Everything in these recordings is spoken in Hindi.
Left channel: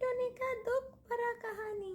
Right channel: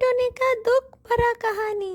टुनटुनी का दुख भरा कहानी।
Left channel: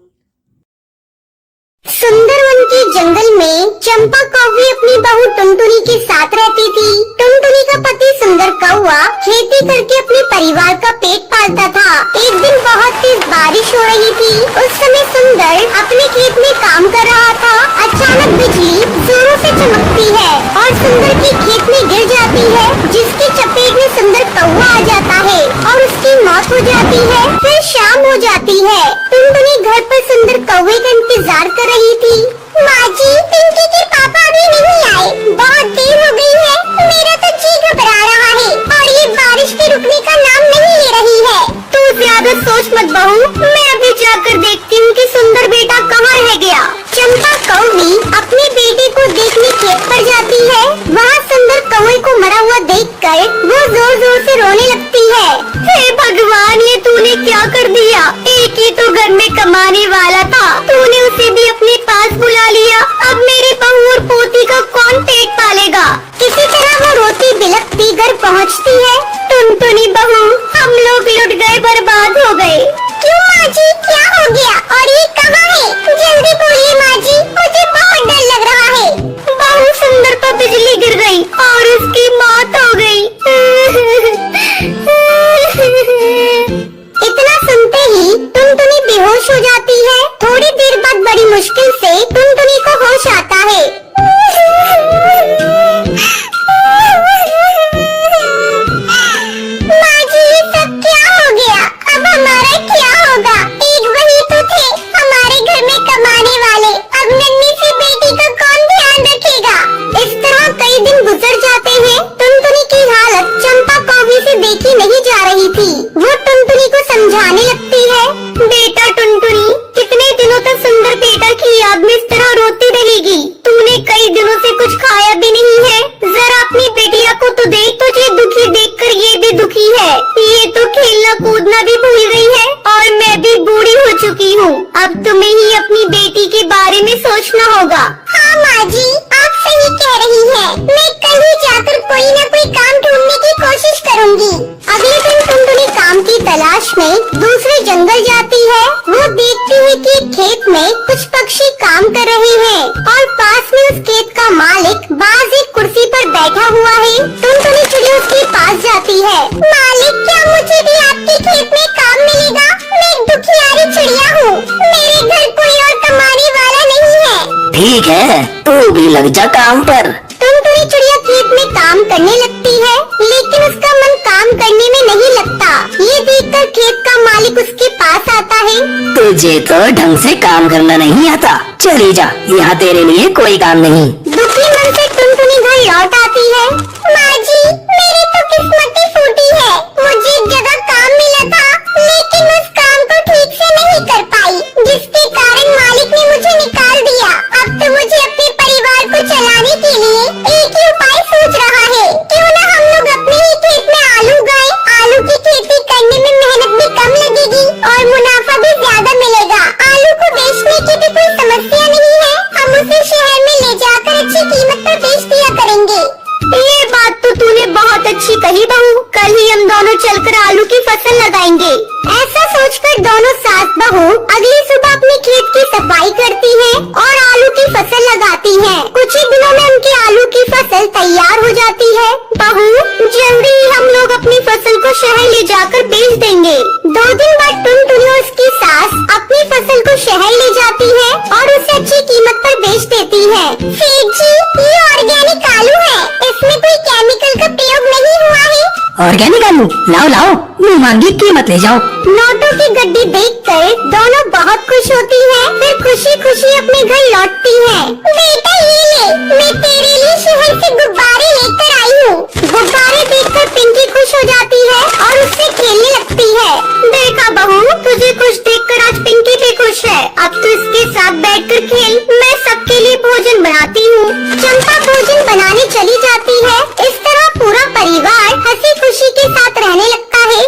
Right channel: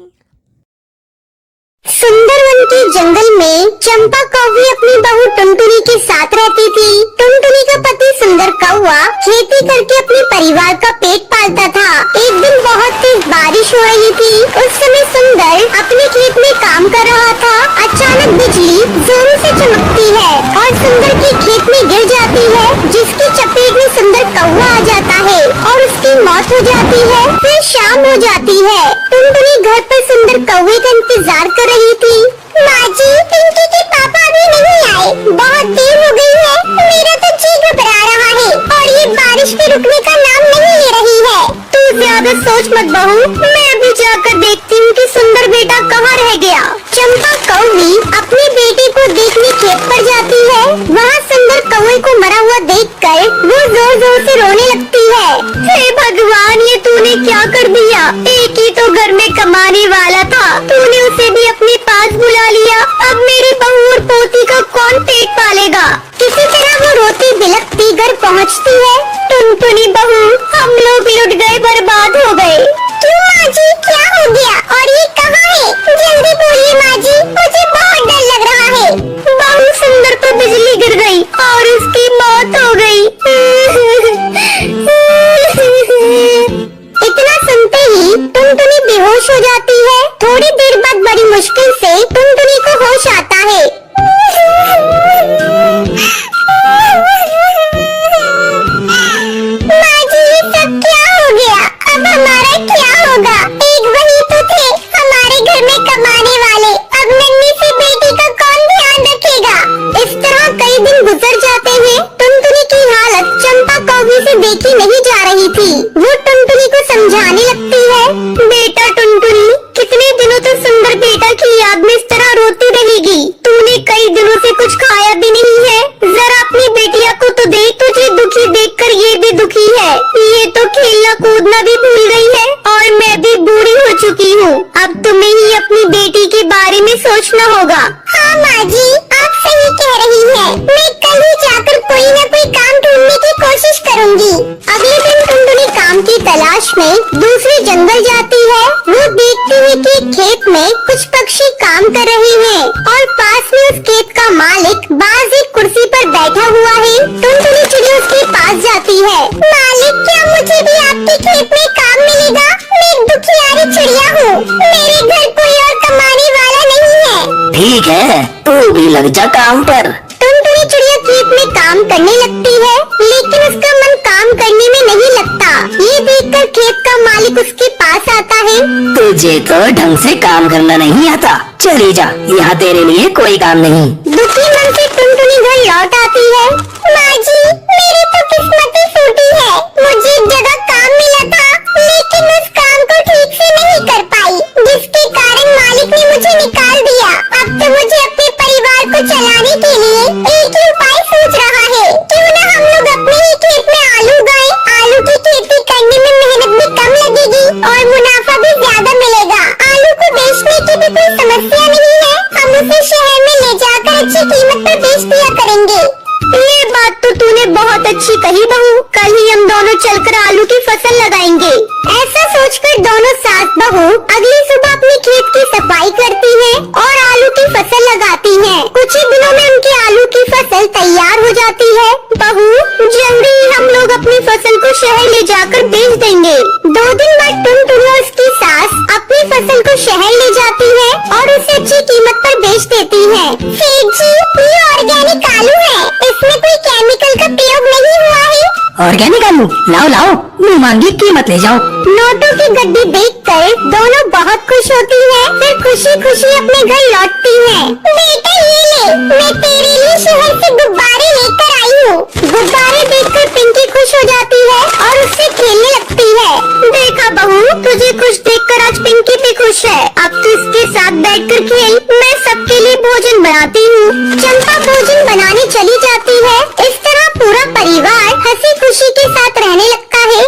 सुंदरवन के जंगल में चंपा कौवी अपनी बहू टुनटुनी के साथ रहती थी। टुनटुनी का पति सुंदर कौवा खेती करके अपने परिवार का पेट पालता था। एक दिन बहुत तेज बारिश हो रही थी। उस समय सुंदर अपने खेत में काम कर रहा था। अचानक बिजली जोरों से चमकती है और सुंदर के खेत में गिर जाती है, जिसकी चपेट में सुंदर कौवा आ जाता है और उसकी मौत हो जाती है। फिर शाम हो जाती है। टुनटुनी घर पर सुंदर कौवे का इंतजार कर रही थी। माँ जी, पिंकी के पापा अभी नहीं आए, बहुत देर हो गई है। मेरा तो जी घबरा रहा है और ये बारिश के रुकने का नाम नहीं ले रही है। तू ज्यादा सोच मत बहू, मैं अभी जाकर देखती हूँ कि सुंदर बेटा कहाँ रह गया। चंपा कौवी अपनी बेटी को देखने खेत पर जाती है। वहाँ सुंदर कौवे को मरा हुआ देखकर वो जोर जोर से रोने लगती है। हे भगवान, ये तूने क्या कर दिया? एक ही तो घर में कमाने वाला था, तूने उसे भी अपने पास बुला लिया। अब मेरे बहू और पोती का कौन पेट पालेगा? किसी तरह वो रोती बिलखती घर पहुँचती है। टुनटुनी बहू, हम लोग लुट गए, बर्बाद हो गए। क्यों माँ जी, क्या हो गया और ये कहाँ है? जल्दी बोलिए माँ जी, मुझे बहुत डर लग रहा है। बहू, सुंदर पर बिजली गिर गई और उसकी मौत हो गई। इतना सुनते ही टुनटुनी बेहोश हो जाती है। थोड़ी देर बाद बड़ी मुश्किल से टुनटुनी को होश आता है। माँ जी, ये सब क्या हो गया? अब हमारा क्या होगा? एक वही तो थे हमारे घर में कमाने वाले, अब नन्ही सी बेटी का कौन ध्यान रखेगा? इस तरह कई दिन गुजर जाते हैं। टुनटुनी की हालत चंपा कौवी से देखी नहीं जा रही थी। वो टुनटुनी को समझाने लगती है। बेटा टुनटुनी, कितने दिनों तक सुंदर बेटा की याद में इस तरह रोती रहेगी? तूने कई दिनों से कुछ खाया भी नहीं है। जरा अपनी बेटिया को तो देख, तुझे दुखी देखकर ये भी दुखी है। ये तो खेलना कूदना भी भूल गई है और मैं भी बूढ़ी हो चुकी हूँ। अब तुम्हें ही अपनी बेटी के बारे में सोचना होगा। हाँ माँ जी, आप सही कह रही हैं। मैं कल ही जाकर कोई न कोई काम ढूंढने की कोशिश करूँगी। अगले दिन टुनटुनी काम की तलाश में दूसरे जंगल जाती है। वो देखती है कि खेत में कुछ पक्षी काम कर रहे हैं और पास में उस खेत का मालिक बाज एक कुर्सी पर बैठा हुआ है। टुनटुनी चिड़िया उसके पास जाती है। मालिक, क्या मुझे भी आपके खेत में काम मिलेगा? मैं एक दुखियारी चिड़िया हूँ, मेरे घर कोई और कमाने वाला नहीं है। ठीक है, तू भी लग जा काम पर। टुनटुनी चिड़िया खेत में काम करने लगती है, लेकिन उसका मन काम करने में नहीं लगता। ये देखकर खेत का मालिक उसके पास आता है। तुझे तो ढंग से काम करना नहीं आता, चली जा, यहाँ तेरे लिए कोई काम नहीं। दुखी मन से टुनटुनी घर लौट आती है। माँ जी, मेरी तो किस्मत ही फूटी है। मुझे एक जगह काम मिला था, लेकिन उस काम को ठीक से नहीं कर पाई, जिसके कारण मालिक ने मुझे निकाल दिया। अब तो मुझे अपने परिवार को चलाने के लिए एक ही उपाय सोच रहा है। क्यों न हम लोग अपने ही खेत में आलू उगाएं? आलू की खेती करने में मेहनत भी कम लगेगी और मुनाफा भी ज्यादा मिलेगा। आलू को बेचने की भी कोई समस्या नहीं है। हम उसे शहर में ले जाकर अच्छी कीमत पर बेच दिया करेंगे। ये बात तो तूने बहुत अच्छी कही बहू। कल ही हम दोनों चलकर आलू की फसल लगाएंगे। ऐसा सोचकर दोनों सास बहू अगली सुबह अपने खेत की सफाई करती हैं और आलू की फसल लगाती हैं। कुछ ही दिनों में उनकी आलू की फसल तैयार हो जाती है। बहू, जल्दी हम लोग अपनी फसल को शहर ले जाकर बेच देंगे। 2 दिन बाद टुनटुनी और उसकी सास अपनी फसल को शहर ले जाती है और उसे अच्छी कीमत पर बेच देती है। सेठ जी, ये ऑर्गेनिक आलू है, इसमें कोई केमिकल का प्रयोग नहीं हुआ है। ऑर्गेनिक आलू लाओ लाओ, मुँह मांगी कीमत ले जाओ। नोटों की गड्डी देखकर दोनों बहुत खुश होती हैं। फिर खुशी खुशी अपने घर लौटती हैं। बेटा ये ले, मैं तेरे लिए शहर से गुब्बारे लेकर आई हूँ। गुब्बारे देखकर पिंकी खुश हो जाती है और उससे खेलने लगती है। देखा बहू, तुझे खुश देखकर आज पिंकी भी खुश है। अब तो इसके साथ बैठकर खेल। मैं सबके लिए भोजन बनाती हूँ। चंपा भोजन बनाने चली जाती है। इस तरह पूरा परिवार हंसी खुशी के साथ रहने लगता है।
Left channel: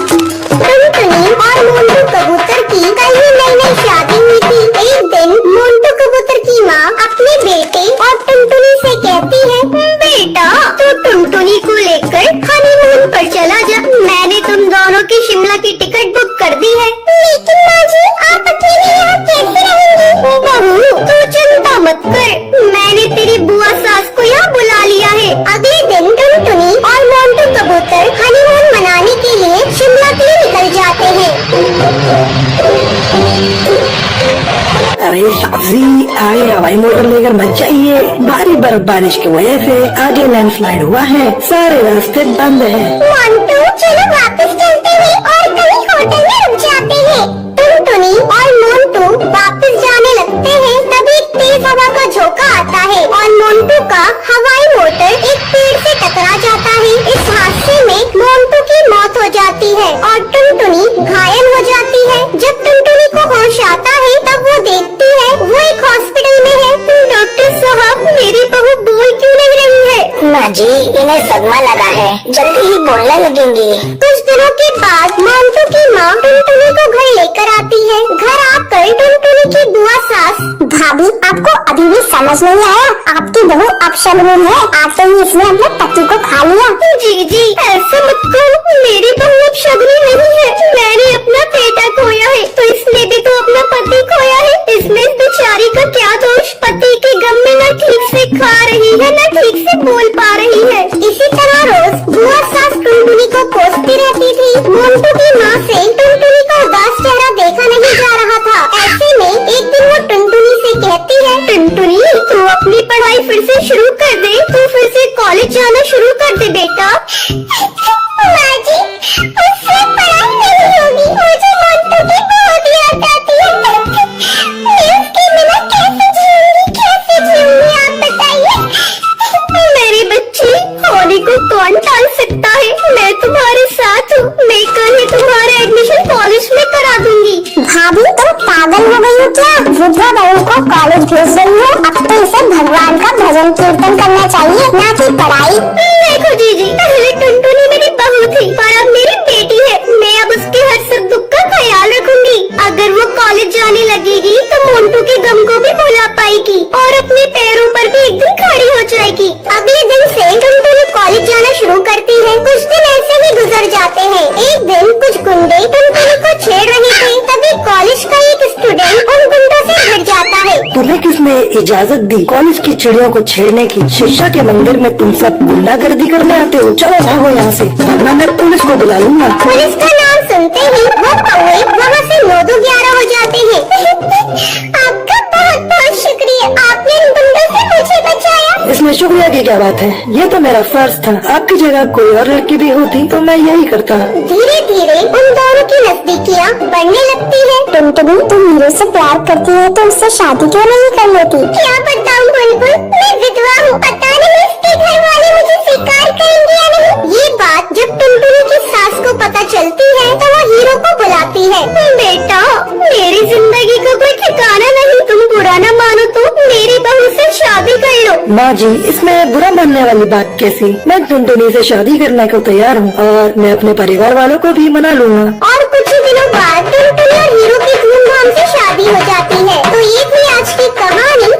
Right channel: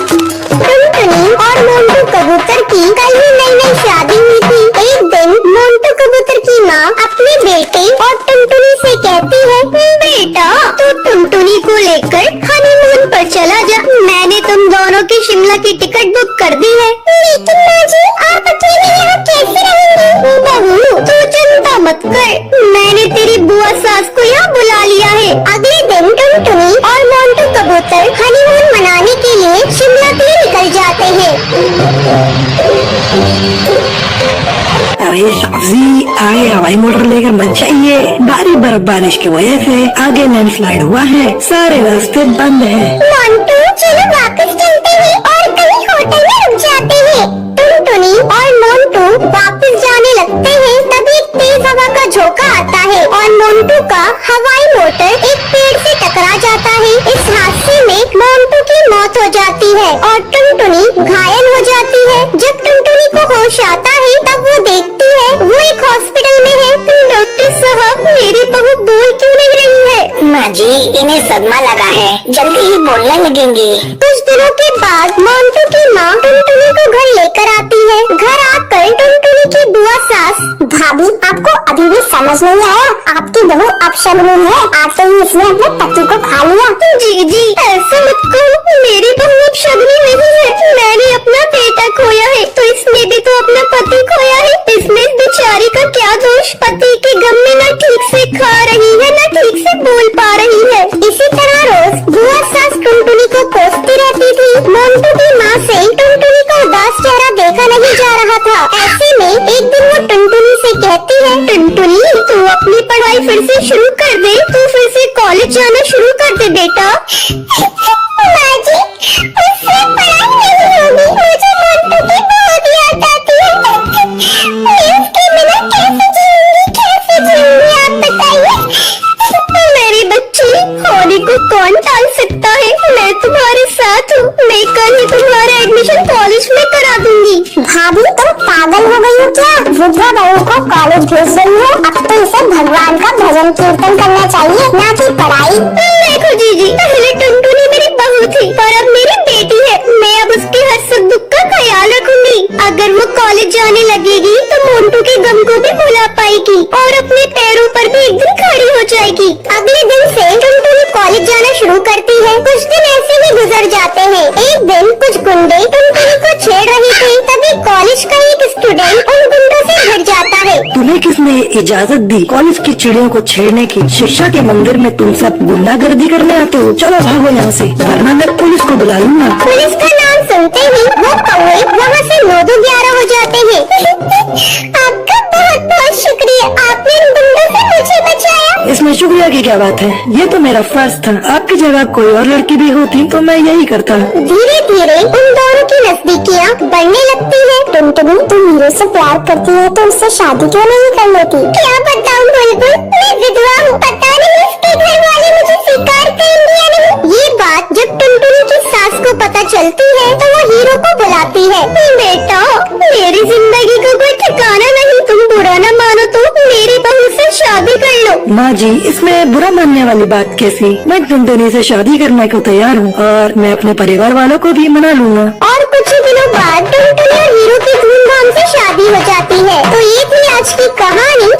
टुनटुनी और मोंटू कबूतर की कल ही नई शादी हुई थी। एक दिन मोंटू कबूतर की माँ अपने बेटे और टुनटुनी से कहती है, बेटा तो टुनटुनी को लेकर हनीमून पर चला जा। मैंने तुम दोनों की शिमला की टिकट बुक कर दी है। लेकिन माँ जी, आप अकेले यहाँ कैसे रहेंगी? बहू, तू चिंता मत कर, मैंने तेरी बुआ सास को यहाँ बुला लिया है। अगले दिन टुनटुनी और मोंटू कबूतर हनीमून मनाने के लिए शिमला के लिए निकल जाते हैं। अरे साहब आगे हवाई मोटर लेकर मत जाइए। भारी बर्फबारिश की वजह से आगे लैंडस्लाइड हुआ है, सारे रास्ते बंद है। मोंटू, चलो वापस चलते हैं और कहीं होटल में रुक जाते हैं। टुनटुनी और मोंटू वापस जाने लगते हैं, तभी एक तेज हवा का झोंका आता है और मोंटू का हवाई मोटर एक पेड़ से टकरा जाता है। इस हादसे में मोंटू की मौत हो जाती है और टुनटुनी घायल हो जाती है। जब टुनटुनी को होश आता है तब वो देखती है वो एक हॉस्पिटल में है। डॉक्टर साहब, मेरी बहू बोल क्यों नहीं रही है? माँ जी, इन्हें सदमा लगा है, जल्दी ही बोलने लगेंगे। कुछ दिनों के बाद मोंटू की माँ टुनटुनी को घर लेकर आती है। घर आकर टुनटुनी की बुआ सास, भाभी, आपको अभी भी समझ नहीं आया? आपकी बहू अपशगुन है, आते ही इसने अपने पति को खा लिया। जी ऐसा मत कहो, मेरी बहू अपशगुन नहीं है। मैंने अपना बेटा खोया है तो इसने भी तो अपना पति खोया है। इसमें बेचारी का क्या दोष? पति के गम में न ठीक से खा रही है न ठीक से बोल पा रही है। इसी तरह रोज बुआ सास टुनटुनी को कोसती रहती थी। मोंटू की माँ से टुनटुनी का उदास चेहरा देखा नहीं जा रहा था। ऐसे में एक दिन वो टुनटुनी से कहती है, टुनटुनी, तो अपनी पढ़ाई फिर से शुरू कर दे, तो फिर से कॉलेज जाना शुरू कर दे बेटा। माँ जी, उससे पढ़ाई नहीं होगी, मुझे मोंटू की बहुत याद आती है। मैं उसके बिना कैसे जीऊंगी आप बताइए। मेरी बच्ची, होली को कौन टाल सकता है? मैं तुम्हारे साथ हूँ, मैं कल ही तुम्हारा एडमिशन कॉलेज में करा दूंगी। भाभी, तुम पागल हो गई हो क्या? वृद्धा बहू को कॉलेज भेज रही हो? अब तो इसे भगवान का भजन कीर्तन करना चाहिए, ना कि पढ़ाई। देखो दीदी, पहले टुनटुनी मेरी बहू थी पर अब मेरी बेटी है। मैं अब उसकी हर सुख दुख का ख्याल रखूंगी। अगर वो कॉलेज जाने लगेगी तो मोंटू के गम को भी भुला पाएगी और अपने पैरों पर भी एक दिन खड़ी हो जाएगी। अगले दिन से टुनटुनी कॉलेज जाना शुरू करती है। कुछ दिन ऐसे ही गुजर जाते हैं। एक दिन कुछ गुंडे टुनटुनी को छेड़ रहे थे, तभी कॉलेज का एक स्टूडेंट उन गुंडों से भिड़ जाता है। तुम्हें किसने इजाजत दी कॉलेज की चिड़ियों को छेड़ने की? शिक्षा के मंदिर में तुम सब गुंडागर्दी करने आते हो? चलो भागो यहाँ से, वरना मैं पुलिस को बुलाऊंगा। पुलिस का नाम सुनते ही वो कौवे वहाँ से 9-11 हो जाते हैं। आपका बहुत बहुत शुक्रिया, आपने इन गुंडों से मुझे बचाया। इसमें शुक्रिया की क्या बात है? ये तो मेरा फर्ज था। आपकी जगह कोई और लड़की भी होती तो मैं यही करता। धीरे धीरे उन दोनों की नजदीकियाँ बढ़ने लगती है। टुनटुनी, तुम हीरो से प्यार करती है तो उससे शादी क्यों नहीं कर लेती? क्या बताऊँ बुलबुल, मैं विधवा हूँ, पता नहीं इसके घर वाले मुझे स्वीकार करेंगे या नहीं। ये बात जब टुनटुनी की सास को पता चलती है तो वो हीरो को बुलाती है। बेटा, मेरी जिंदगी का कोई ठिकाना नहीं, तुम बुरा न मानो तो मेरी बहू से शादी कर लो। माँ जी, इसमें बुरा मानने वाली बात कैसी? मैं टुनटुनी से शादी करने को तैयार हूँ और मैं अपने परिवार वालों को भी मना लूँगा। और कुछ ही दिनों बाद टुनटुनी और हीरो की धूमधाम से शादी हो जाती है। तो ये थी आज की कहानी